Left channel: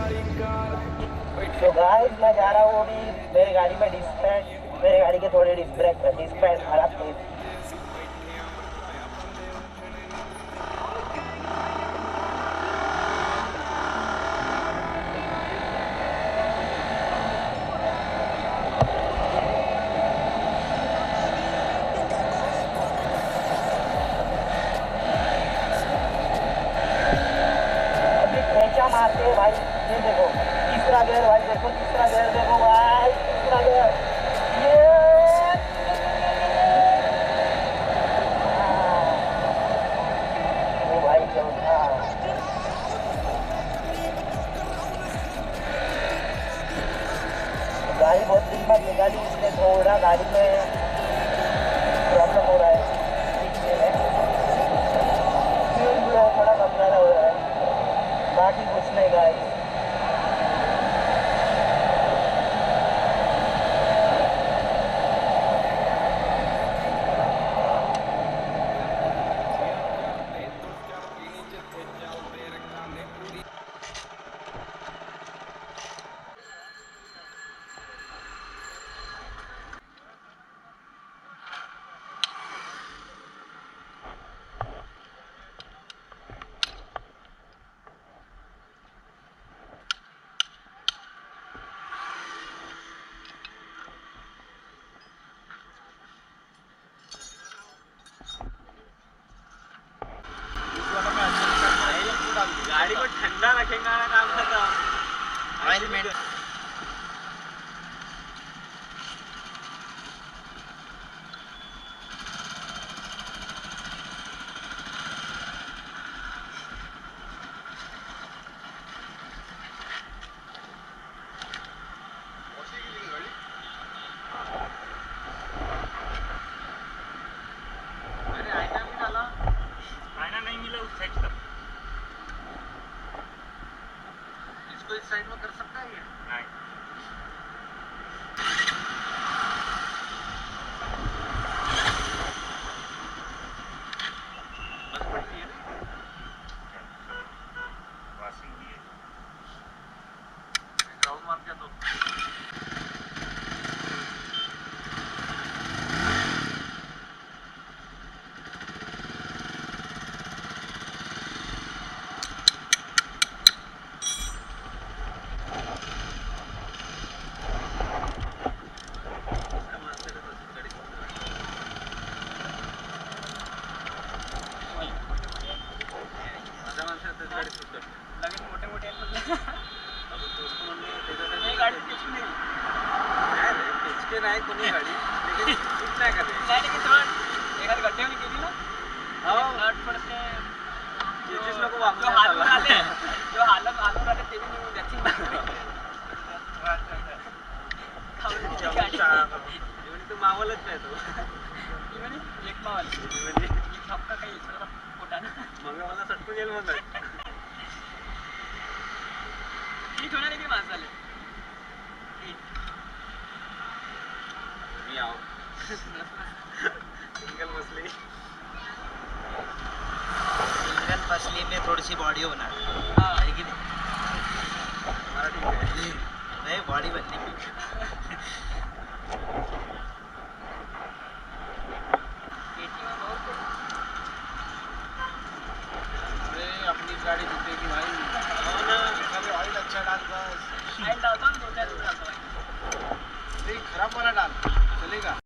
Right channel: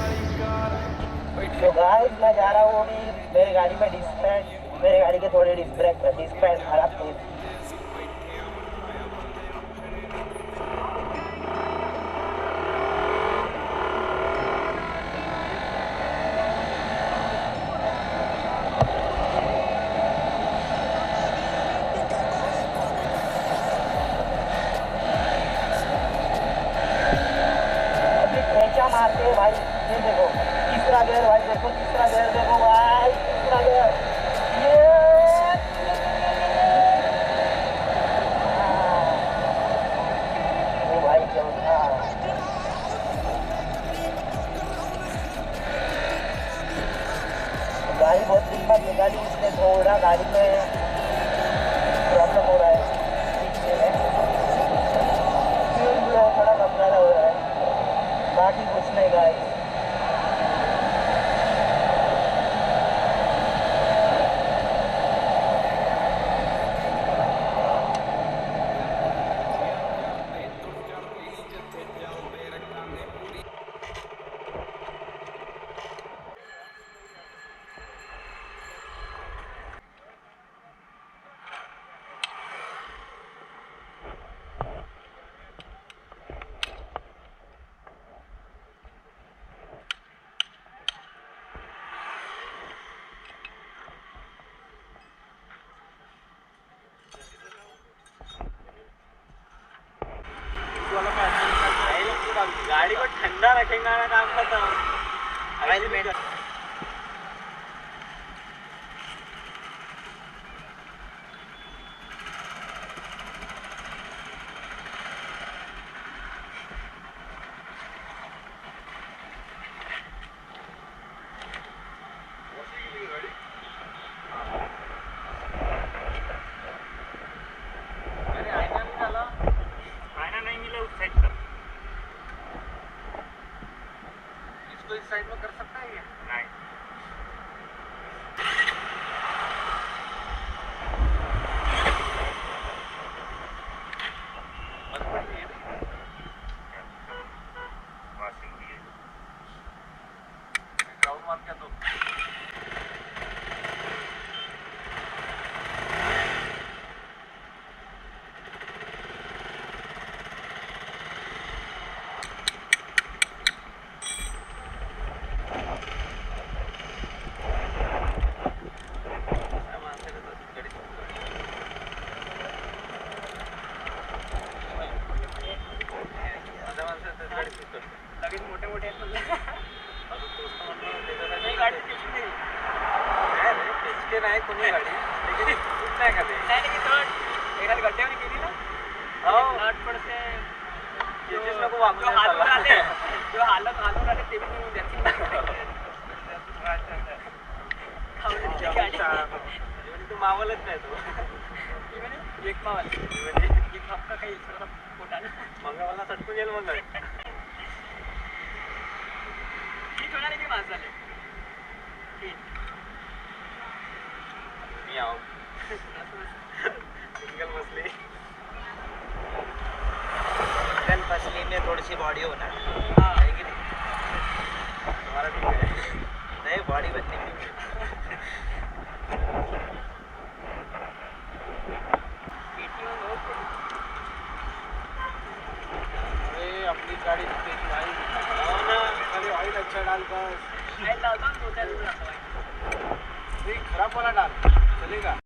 तो गाइस मैं जा रहा हूँ अभी मेरी गाड़ी में डिस्क मेरे गाड़ी के थोड़े डिस्क पैड खराब थे। मारते भाई, ये देखो तीसरा गेयर भाई, देखो तीसरा गेयर, देखो भाई तीसरा गेयर, ये ओ भाई चौथा। गाड़ी बहुत दिन बाद निकाली इसलिए थोड़ा गाड़ी में प्रॉब्लम हो रहा है, थोड़ा कम ज़्यादा हो रहा है, बाकी कुछ नहीं गाइस। गाड़ी को ठंडा रखेगा काम खत्म। ऑयल में इस साइड में कर सकता है ये? नहीं। वॉशिंग भी है। ग्राउंड मार दिया तो लगेच मोठे मोठे आहेत म्हणलं. नाही गाडी टिचकी नाही. नाही रे टिचकी नाही कोणी गाडी. लेकिन कुछ नाही का ते. नाही लेकिन थोडं एखादी गड्ड्यावर गेली ना. हो नट पडते. याचीच नको वापरू. जो हालून आले ते बी निघून जातील. खाऊची गाडी. इवन तो मावलच नाही तो. इवन एक मावल. इवन एक हप्ता काही पोटानं. मंगळवारला सटकून येईल म्हणलं. ठीक होणार की माणसाले मी आओ सिंगल मछली में थोड़ी सी बॉडी होना है कि नहीं? हमारा ठीक है नहीं बॉडी बनने की अपनी गाड़ी जीतेगी भाई। खाली ऑयल अच्छा डाल बस। ऑयल डालता हूँ 2-4 दिन खराब वाला डाल चलेगा।